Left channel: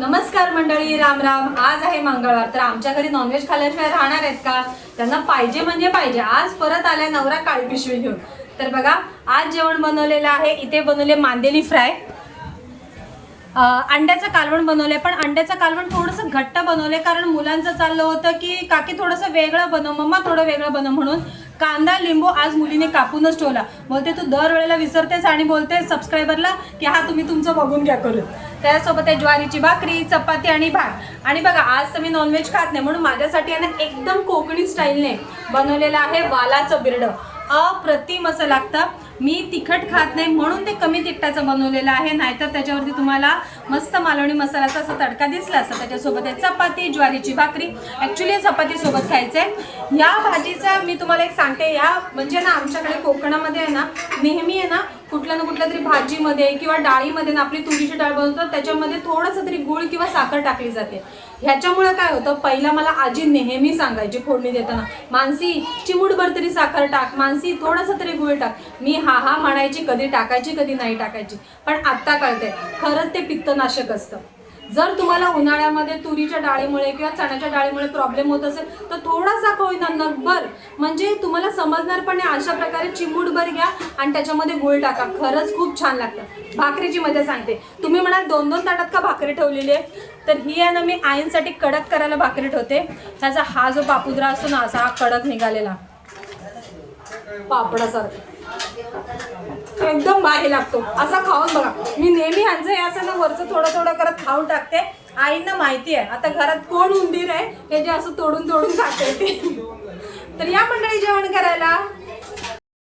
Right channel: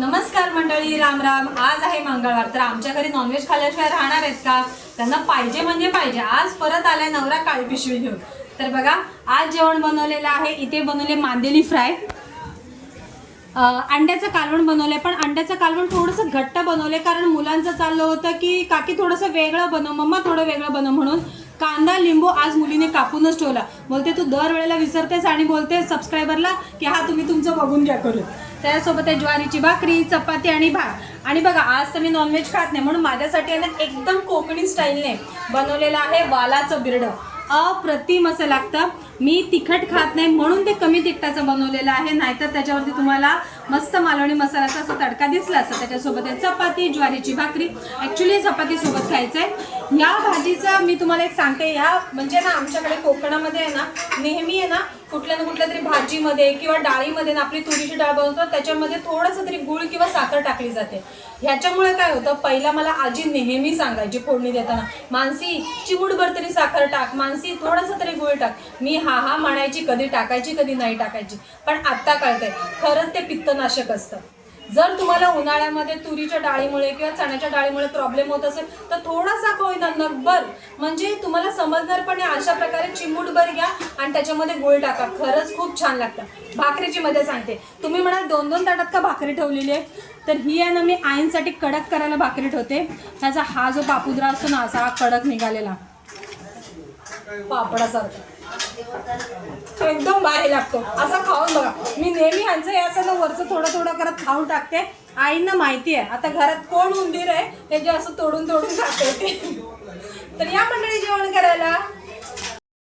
नमस्कार मंडळी, राम राम. आज आहे मंगळवार, तर आमच्या घरी नॉनव्हेज खाल्ल्याशिवाय राहणार आहेत का? त्यांना पाहिजे म्हणजे पाहिजे. आज परत आल्या नवरा काळी पिशवी घेऊन. तर बघा, आज जेवण बनवलेलं आहे. इथे बनवले मांदेली फ्राय, अंड्याचं कालवण बनवलंय. पण अंड्याचं कालवण थोडंसं घट्ट बनवलंय, कारण मुलांचं चाललं होतं की काकी थोडंसं वेगळं बनव, मम्मा थोडं वेगळं बनव म्हणून. कांदा लिंबू आज मुलीने कापूनच ठेवला. बोलते तू दरवेळेला विसरतेस आणि बोलते सबस्क्रायबरला की हा तुम्ही तुमचं बघून घ्या करून. त्यासोबत आहे ज्वारीची भाकरी, चपाती आणि भात. आणि बघा, आज तर मी नॉनव्हेज खात नाही, म्हणून माझ्यासाठी आहे ना एकदम कोकणी स्टाईलने बनवलेलं आहे वालाचं बिरडं. अप्रतिम असं लागतं. मी तिखट खात नाही म्हणून ते कमी तिखटाचं बनवलेलं आहे, नाहीतर त्याच्यावरती तुम्हाला मस्त मालवणी मसाल्याचा असा तडका दिसला असता. त्याच्यासोबत आहे चपाती, ज्वारीची भाकरी. ॲक्च्युली चपाती सोबत खायचंय. या भाजीचा मी तुम्हाला एक सांगते, या म्हणजे ना आमच्याकडे कोकणामध्ये आहे ना नेहमी आहे ना कुठल्या ना कुठल्या तरी भाजीमध्ये किंवा डाळीमध्ये ना आपली तुरीची डाळ बनवतात, त्याच्यामध्ये थोडंसं तरी गूळ किंवा साखर टाकली जाते. ह्याच्यामुळे काय होतं, पहिला मला आजी नेहमी सांगायची फोडणी देताना, मानसी चिमूटभर तरी साखर टाक, मानसी थोडंसं तरी गूळ टाक. मी हा म्हणायची, कधी टाकायची कधी नाही टाकायची. पण आत्ता कळतंय खरंच ते पित्तनाशक असतं. जर तुम्हाला उन्हाळ्यामध्ये तुरीच्या डाळीमुळे किंवा चण्याच्या डाळीमुळे प्रॉब्लेम होत असेल तर थोडासा होईना नकभर, म्हणजे तुम्हाला समजणार पण आहे. अशा प्रकारे चिमूटभर घ्या आणि त्याच्यामध्ये गूळ टाका, खरंच खूप छान लागतं. भाकरीची मध्ये सांगते, तुम्ही म्हणाल 2-2 ताटात का भाकरी ठेवलेली आहे, तर ही आहे ना मी आईंसाठी कडक करायला भाकरी ठेवते. त्याचा हा जो पापुद्रा असतो ना, असा कडक निघालेला पापडासारखा एकदम भारी लागतो. असा खाऊन बघा. मी नेहमी ह्यांचं हे असं ना वरचं थोडं थोडं करत खाऊन टाकते. आईंना माहिती आहे आता घरात कोण उंदीर आहे हे जे असं तोडून तोडून खाते ते. तर या मंडळी जेवण करायला.